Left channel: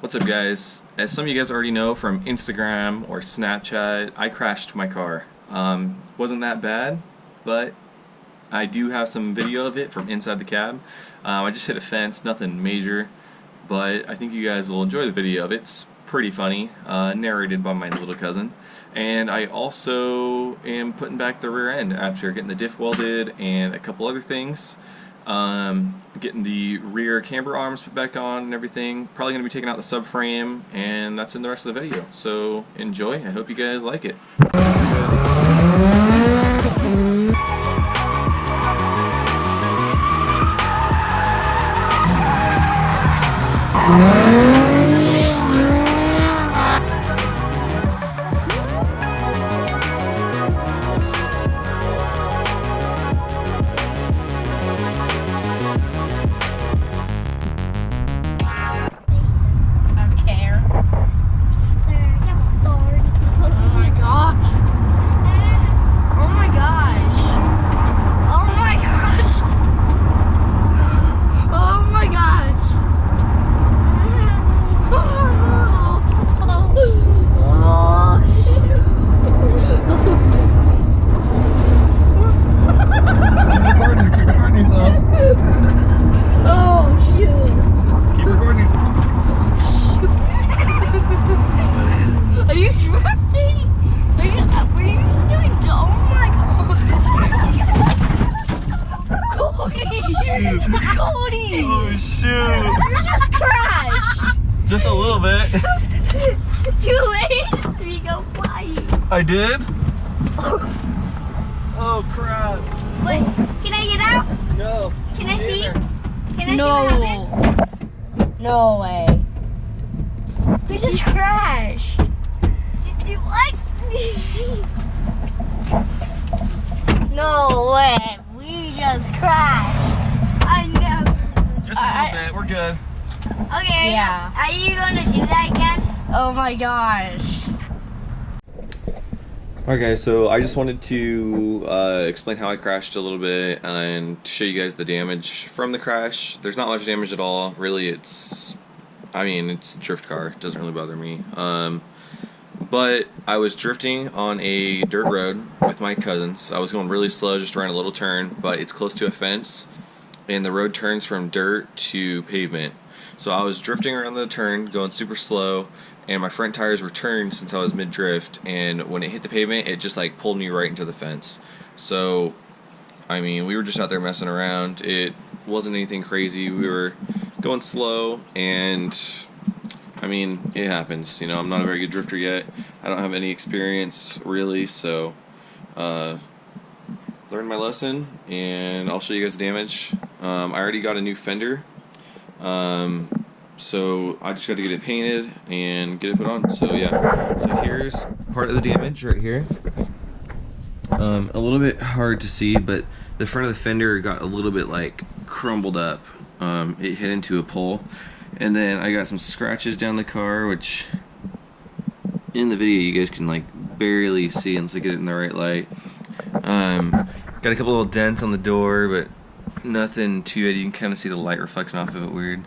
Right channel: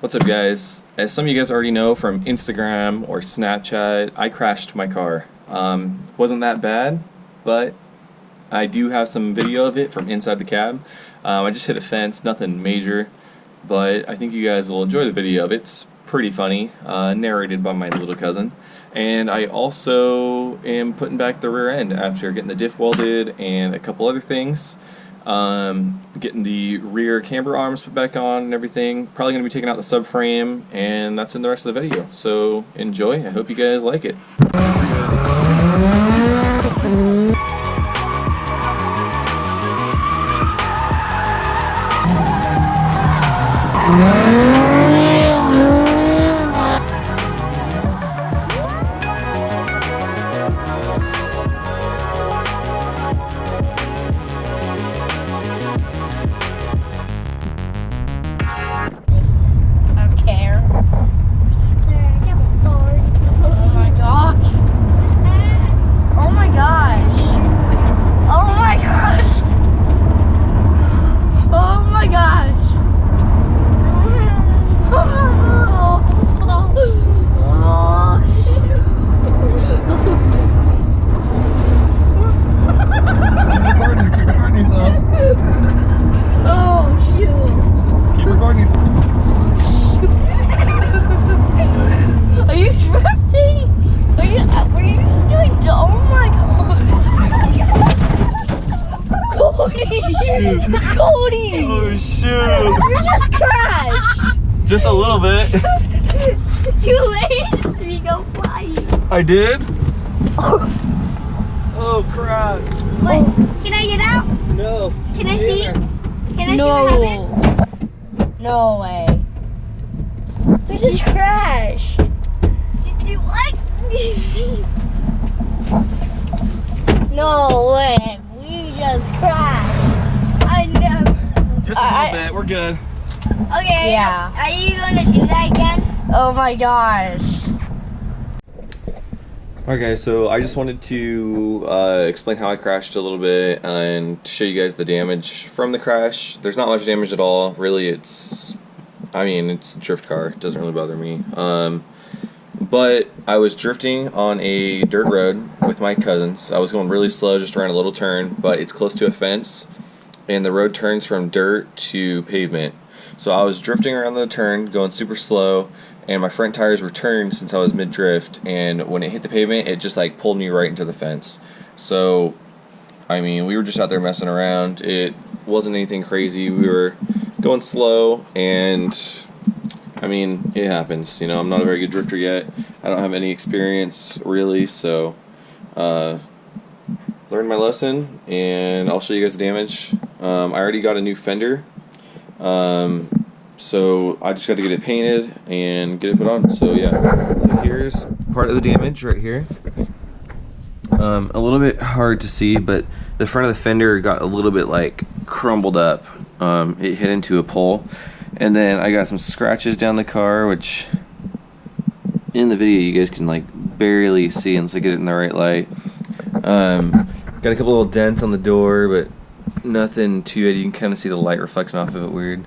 What's up, guys? As some of you guys already know from Instagram or Snapchat, I crashed my car. Wasn't that bad, but I do have some video of it from inside the cab. I just hit a fence, nothing major, but I think you guys will enjoy the video of it. It's pretty funny, narrated by my little cousin. And I also am putting back the rear end after getting the diff welded and a couple other things. Getting the rear camber arms put back on and everything. Probably going to be taking out the subframe, and that's in the rest of the video. So enjoy. I hope you guys like it. Cody! Oh shoot! You just crashed! Just a little bit. You made me go flying. I did? Oh crap. Wait, can I get out? No. Can I see? Can I see what happened? No way. We just crashed. Did what? No way. We just crashed. I know. Just a little bit. We're good. Okay. Yeah. Are you going to do that again? Oh my gosh. Alright guys, so I just wanted to explain how I crashed a little bit and show you guys the damage from the crash. There's not much damage at all. Really, it's a drift car. It doesn't really bother me. But I was drifting on a dirt road with my cousins. I was going really slow, just around a little turn, but it's close to a fence, and the road turns from dirt to pavement. So I was drifting around the turn, going super slow, and my front tires were turned since I was mid-drift, and when it hit the pavement, it just like pulled me right into the fence. So, I mean, we were just out there messing around. It wasn't anything crazy. We were going slow, and I mean, it happens. You know, I'm not a very good drifter yet. I don't have any experience, really, so learned my lesson, and I'll show you guys the damage. I already got a new fender, so I just got to get it painted and get it put on. So yeah, so here's part of the damage right here. A little bit hard to see, but the front of the fender got a little bit like crumbled up. It hit into a pole. And then I got some scratches down the car, which in the video you guys can like barely see unless I get it in the right light. Got a couple little dents on the door, but nothing too bad. You can kind of see the light reflecting off of it weird.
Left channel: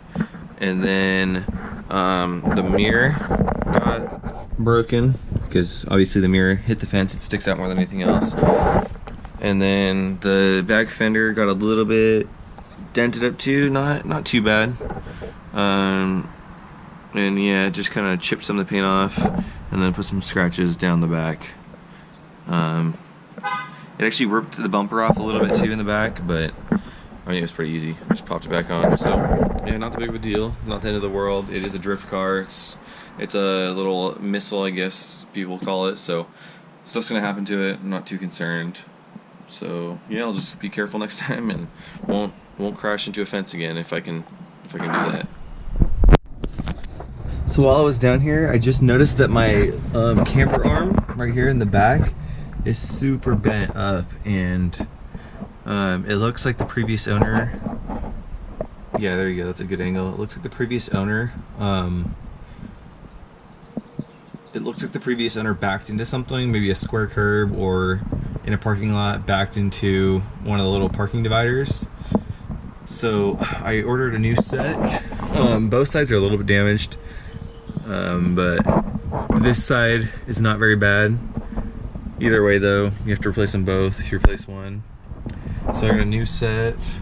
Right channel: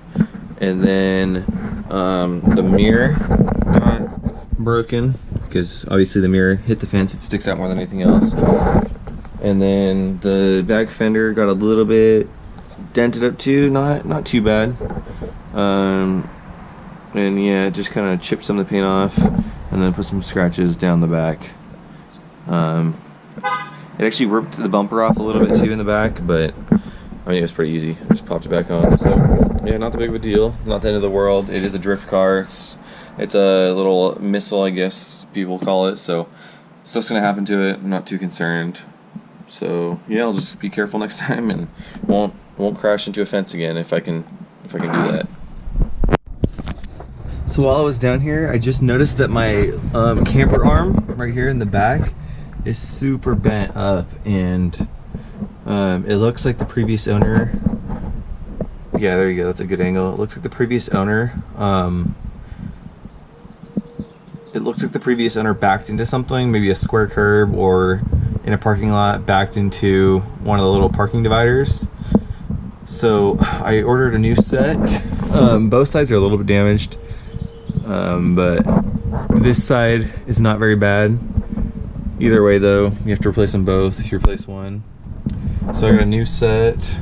And then the mirror got broken because obviously the mirror hit the fence. It sticks out more than anything else. And then the back fender got a little bit dented up too. Not too bad. And yeah, just kind of chipped some of the paint off and then put some scratches down the back. It actually ripped the bumper off a little bit too in the back, but I mean, it was pretty easy. I just popped it back on. So yeah, not that big of a deal. Not the end of the world. It is a drift car. It's a little missile, I guess people call it. So stuff's gonna happen to it. I'm not too concerned. So yeah, I'll just be careful next time and won't crash into a fence again if I can do that. So while I was down here, I just noticed that my camber arm right here in the back is super bent up, and it looks like the previous owner. Yeah, there you go. That's a good angle. It looks like the previous owner. It looks like the previous owner backed into something, maybe a square curb or in a parking lot, backed into one of the little parking dividers. So I ordered a new set. Both sides are a little bit damaged. But this side is not very bad. Either way though, you have to replace them both if you replace one. So I got a new set,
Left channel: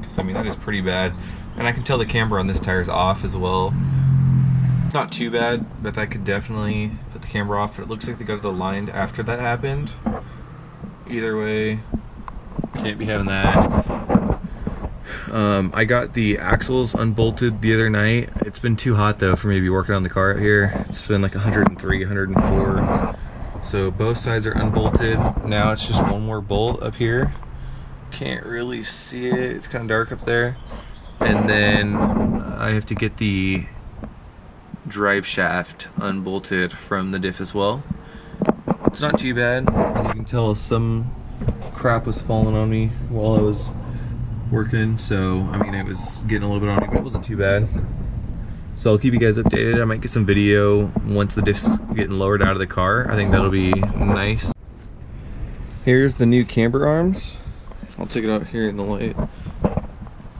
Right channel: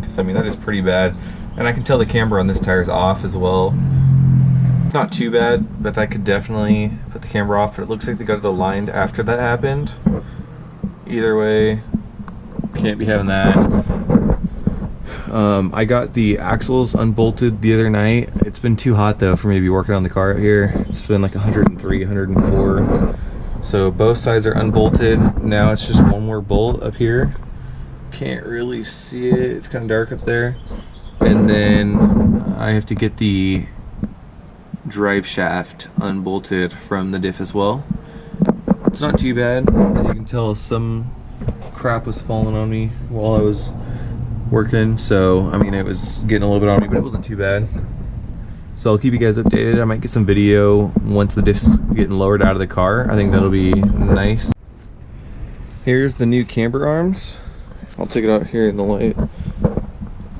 because I mean that is pretty bad. And I can tell the camber on this tire is off as well. It's not too bad, but that could definitely put the camber off, but it looks like they got it aligned after that happened. Either way, can't be having that. I got the axles unbolted the other night. It's been too hot though for me to be working on the car out here. It's been like 103, 104. So both sides are unbolted. Now it's just one more bolt up here. Can't really see it. It's kind of dark up there. And then I have to get the drive shaft unbolted from the diff as well. It's not too bad. As you can tell, some crap was falling on me while I was working. So, I mean, it was getting a little bit on me, but it wasn't too bad. So I'll keep you guys updated. I might get some video once the diff's getting lowered out of the car. I think that'll be nice. Here's the new camber arms. I'll take it out here in the light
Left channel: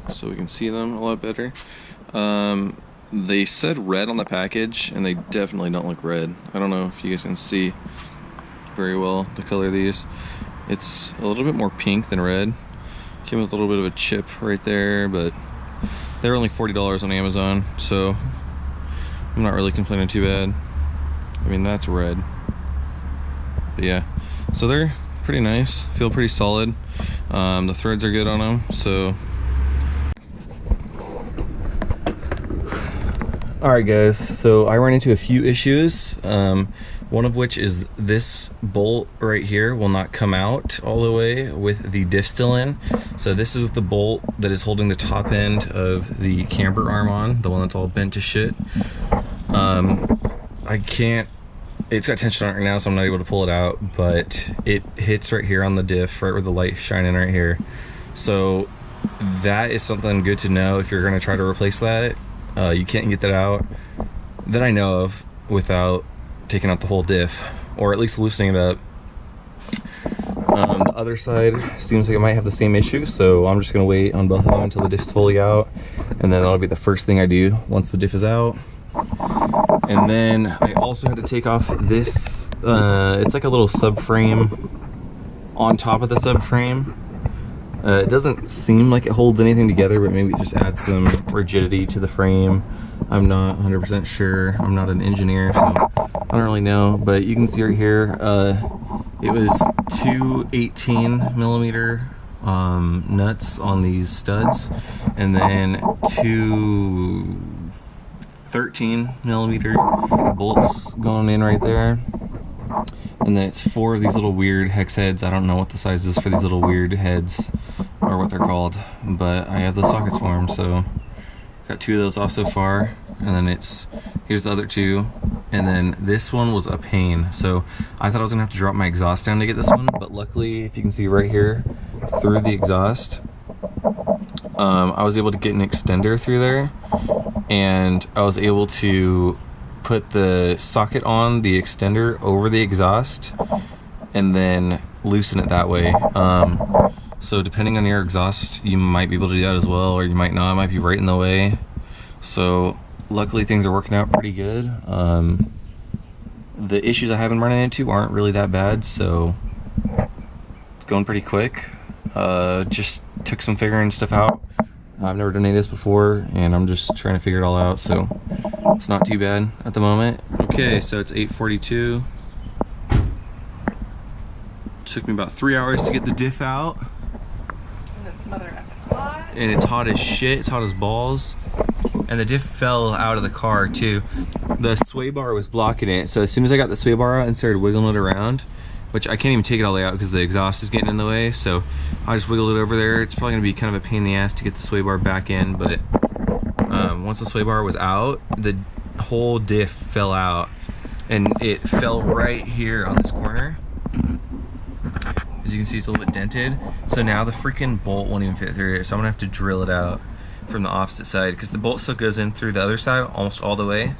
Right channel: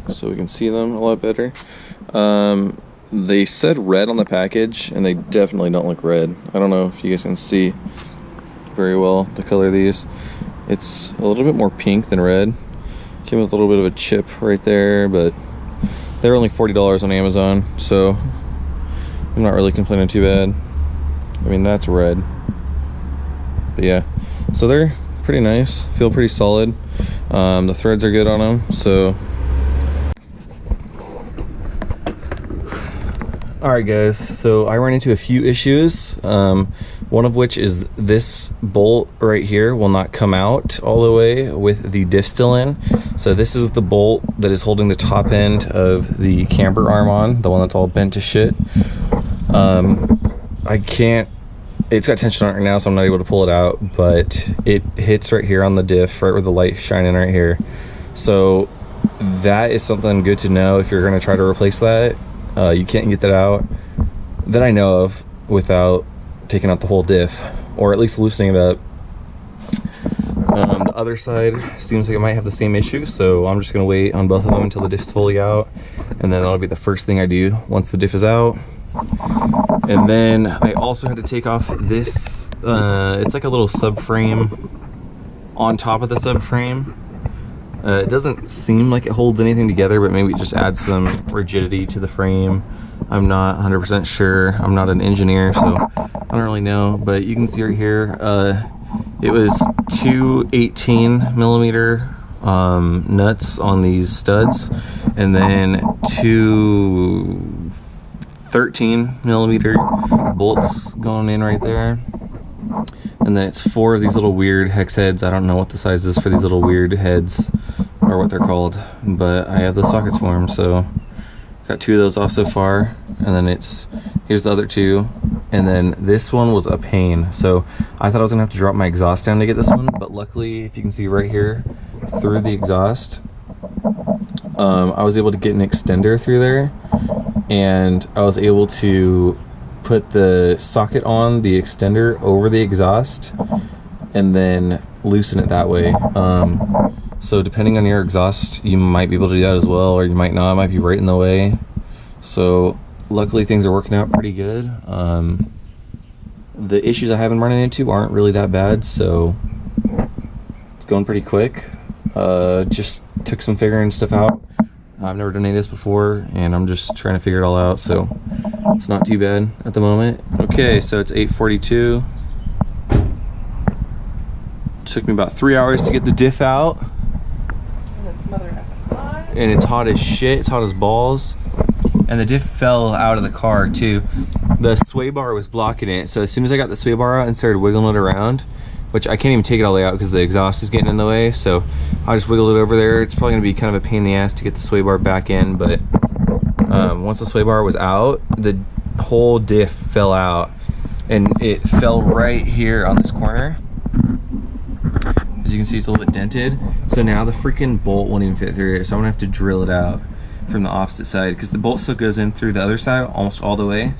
so we can see them a lot better. They said red on the package, and they definitely don't look red. I don't know if you guys can see very well the color of these. It's a little bit more pink than red. Came with a little bit of a chip right there, but they're only $40 on Amazon, so I'm not really complaining too bad. I mean, that's red. But yeah, so they're pretty nice, feel pretty solid. The threads are good on them, so. Alright guys, so I ran into a few issues, one of which is this bolt right here will not come out all the way with the diff still in. So this is the bolt that is holding the top end of the camber arm on, the one that's all bent to shit. I can't, it's got tension on it right now, so I'm not able to pull it out, but it hits right here on the diff, right where the light's shining right here. So that is something good to know if you're going to try to replace that. You can't get that out that I know of without taking out the whole diff, or at least loosening it up. The other side seems like it might have the same issue, so I'm just going to wait on both of them until the diff's fully out, and then that'll be the first thing I do once the diff is out. And then I also had to take off this, it's like a little subframe on top of the subframe. It doesn't seem like it holds anything together, but maybe it just adds some rigidity to the frame. I'm not 100% sure. I'm not an engineer, so I don't really know. But you can see right here, it was two 18mm nuts on these studs, and then two 13mm bolts going in right there. And then it's four of these little weird hex heads. I don't know what the size is for these little weird heads, or what they're called, but I have the sockets for them, so got two of those off so far. And then here's the other two, and then this one was a pain. So I thought I was gonna have to drop my exhaust down to get this one, but luckily, if you can see right here through the exhaust, I was able to get an extender through there, and I was able to put the socket on the extender over the exhaust and then loosen it that way. So depending on your exhaust, you might be able to do that as well, or you might not. It might be right in the way. So luckily things are working out pretty good. The issues I have been running into aren't really that bad, so it's going pretty quick. Just took some figuring stuff out. I've never done any of this before, and I'm just trying to figure it all out, so it's not too bad at the moment. Okay, so it's 8:42. Took me about 3 hours to get the diff out. And it's smothered up hot. And it's hot as shit, it's hot as balls. And the diff fell out of the car too. The sway bar was blocking it, so as soon as I got the sway bar out and started wiggling it around, which I can't even take it all the way out because the exhaust is getting in the way, so I just wiggled it over there. It's probably gonna be kind of a pain in the ass to get the sway bar back in, but once the sway bar was out, the whole diff fell out, and it fell right here on this corner. As you can see, it's a little bit dented, so now the freaking bolt won't even fit through it, so I'm gonna have to drill it out from the opposite side, because the bolt still goes in through the other side almost all the way,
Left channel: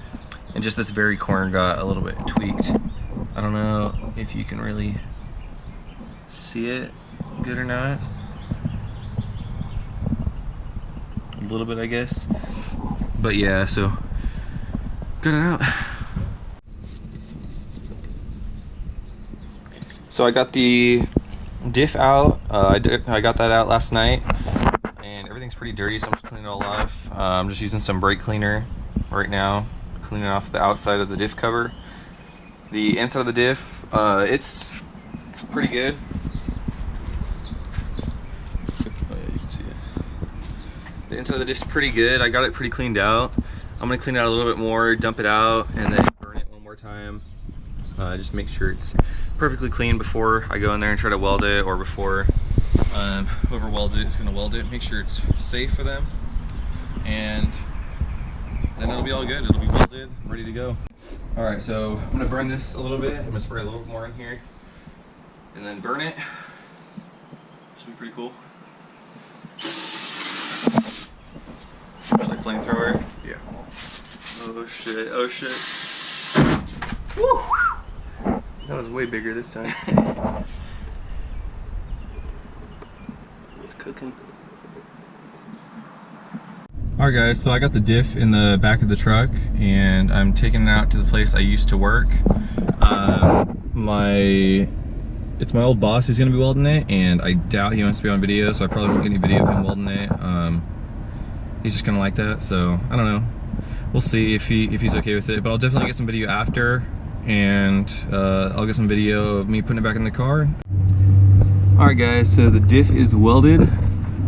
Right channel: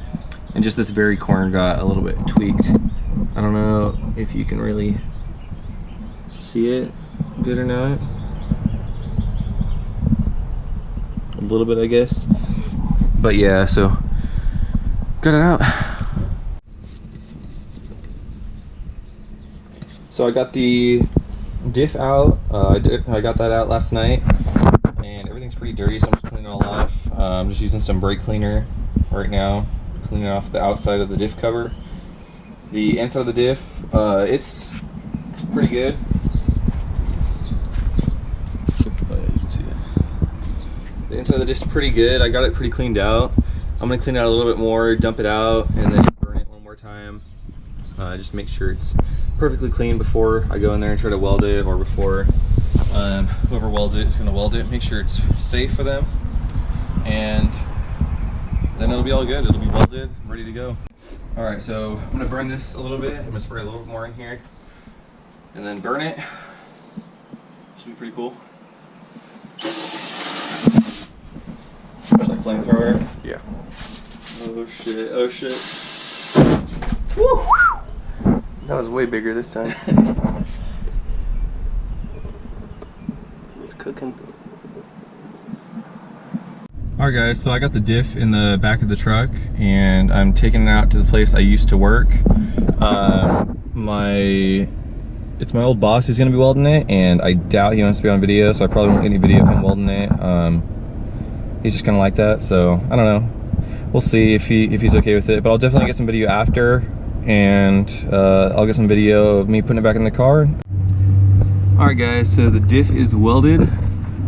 and just this very corner got a little bit tweaked. I don't know if you can really see it good or not. A little bit, I guess. But yeah, so Got it out. So I got the diff out. I got that out last night, and everything's pretty dirty, so I'm just cleaning it all off. I'm just using some brake cleaner right now, cleaning off the outside of the diff cover. The inside of the diff, it's pretty good. Oh yeah, you can see it. The inside of the diff is pretty good. I got it pretty cleaned out. I'm gonna clean it out a little bit more, dump it out, and then burn it one more time. Just make sure it's perfectly clean before I go in there and try to weld it, or before whoever welds it is gonna weld it. Make sure it's safe for them, and then it'll be all good. It'll be welded, ready to go. All right, so I'm gonna burn this a little bit. I'm gonna spray a little bit more in here, and then burn it. Should be pretty cool. Should I flamethrower? Yeah. Oh shit! Oh shit! Woo! That was way bigger this time. It's cooking. Alright guys, so I got the diff in the back of the truck, and I'm taking it out to the place I used to work. It's my old boss who's going to be welding it, and I doubt he wants to be on video, so I probably won't get any video of him welding it. He's just kind of like that, so I don't know. We'll see if he's okay with it, but I'll definitely get some video after, and I'll get some video of me putting it back in the car. Alright guys, so the diff is welded.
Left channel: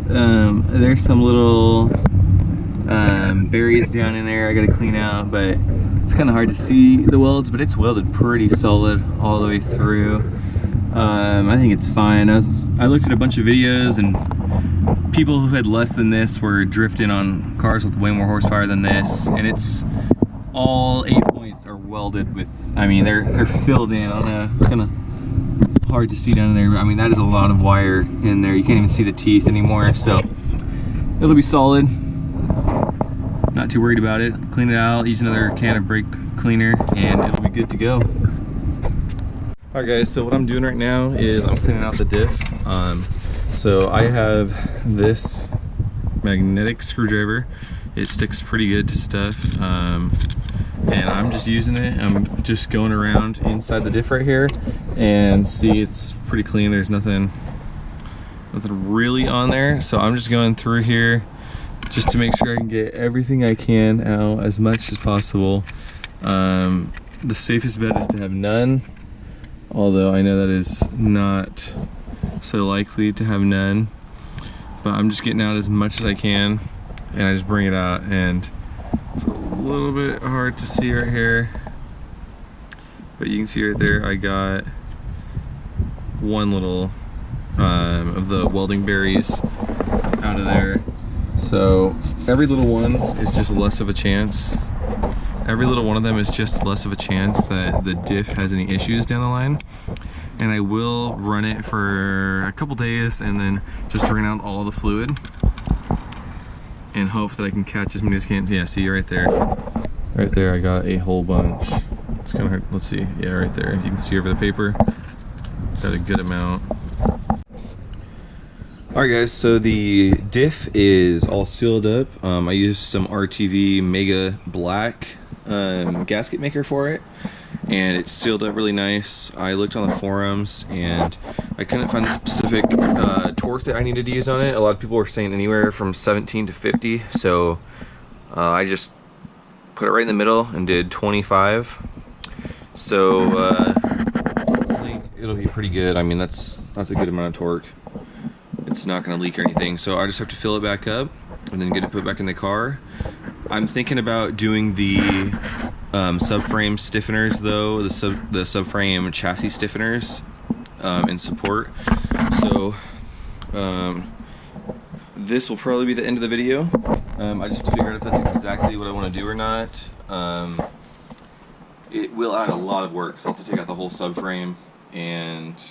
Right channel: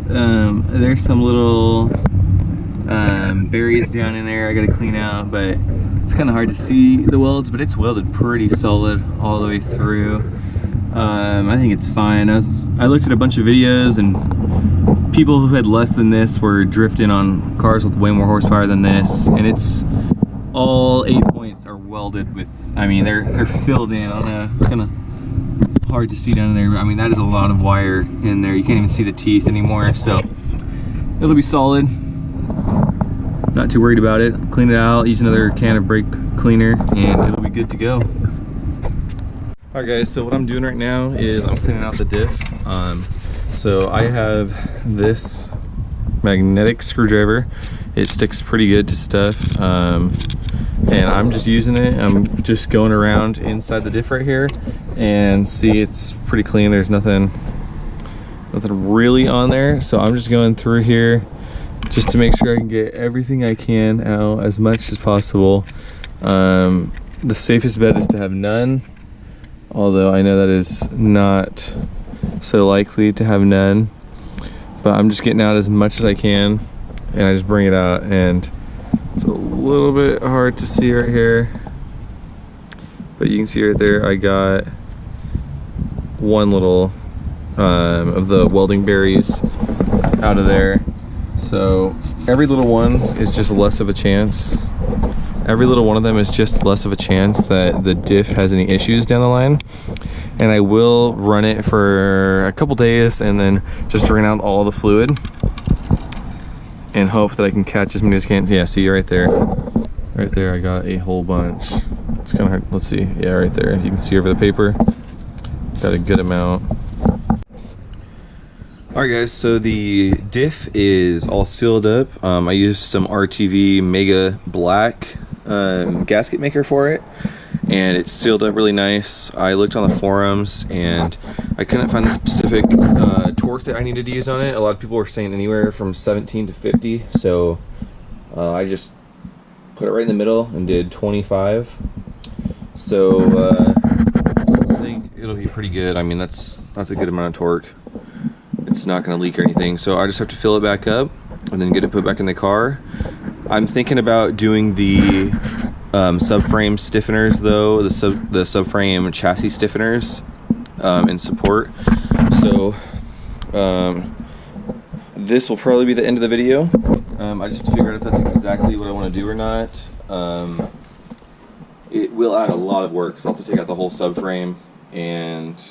There's some little berries down in there I gotta clean out, but it's kind of hard to see the welds, but it's welded pretty solid all the way through. I think it's fine. I looked at a bunch of videos, and people who had less than this were drifting on cars with way more horsepower than this, and it's all 8 points are welded with, I mean, they're filled in. I don't know, it's kind of hard to see down there, but I mean, that is a lot of wire in there. You can't even see the teeth anymore, so it'll be solid. Not too worried about it. Clean it out, use another can of brake cleaner, and it'll be good to go. Alright guys, so what I'm doing right now is I'm cleaning out the diff. So I have this magnetic screwdriver. It sticks pretty good to stuff, and I'm just using it. I'm just going around inside the diff right here, and see, it's pretty clean. There's nothing really on there, so I'm just going through here just to make sure I can get everything I can out as much as possible. The safest bet is to have none, although I know that is not so likely to have none, but I'm just getting out as much as I can, and I just bring it out, and it's a little bit hard to see right here, but you can see right there I got one little of the welding berries out of there. So every little one is just less of a chance. Every little one of them is just less of a chance that the diff has any issues down the line. And I will run it for a couple days and then just drain out all the fluid and hope that I can catch as many as I can. Yeah, see right there. Right there I got a whole bunch. It's kind of hard. Let's see. Yeah, right there. You can see over the paper. Got a good amount. Alright guys, so the diff is all sealed up. I used some RTV Mega Black gasket maker for it, and it's sealed up really nice. I looked on the forums and I couldn't find the specific torque that I needed to use on it. A lot of people were saying anywhere from 17 to 50, so I just put it right in the middle and did 25. So I think it'll be pretty good. I mean, that's a good amount of torque. It's not going to leak or anything, so I just have to fill it back up and then get it put back in the car. I'm thinking about doing the subframe stiffeners though, the subframe chassis stiffeners in support. So this will probably be the end of the video. I just have to figure out if that's exactly what I want to do or not. It will add a lot of work, so I'll have to take out the whole subframe, and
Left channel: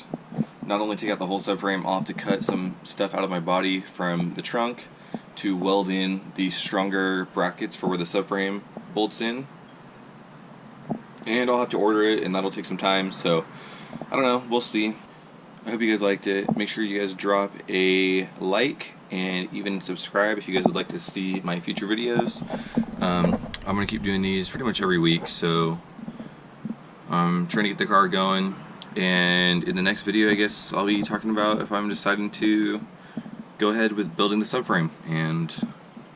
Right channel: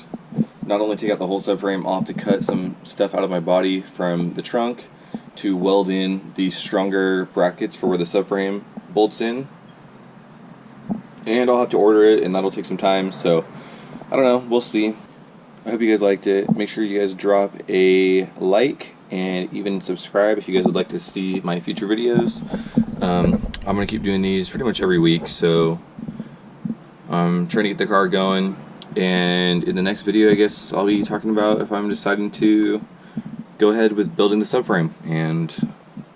not only take out the whole subframe, I'll have to cut some stuff out of my body from the trunk to weld in the stronger brackets for where the subframe bolts in. And I'll have to order it, and that'll take some time, so I don't know, we'll see. I hope you guys liked it. Make sure you guys drop a like and even subscribe if you guys would like to see my future videos. I'm gonna keep doing these pretty much every week, so I'm trying to get the car going. And in the next video, I guess I'll be talking about if I'm deciding to go ahead with building the subframe and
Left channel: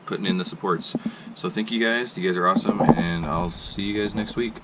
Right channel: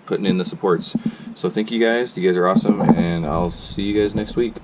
putting in the supports. So thank you guys. You guys are awesome, and I'll see you guys next week.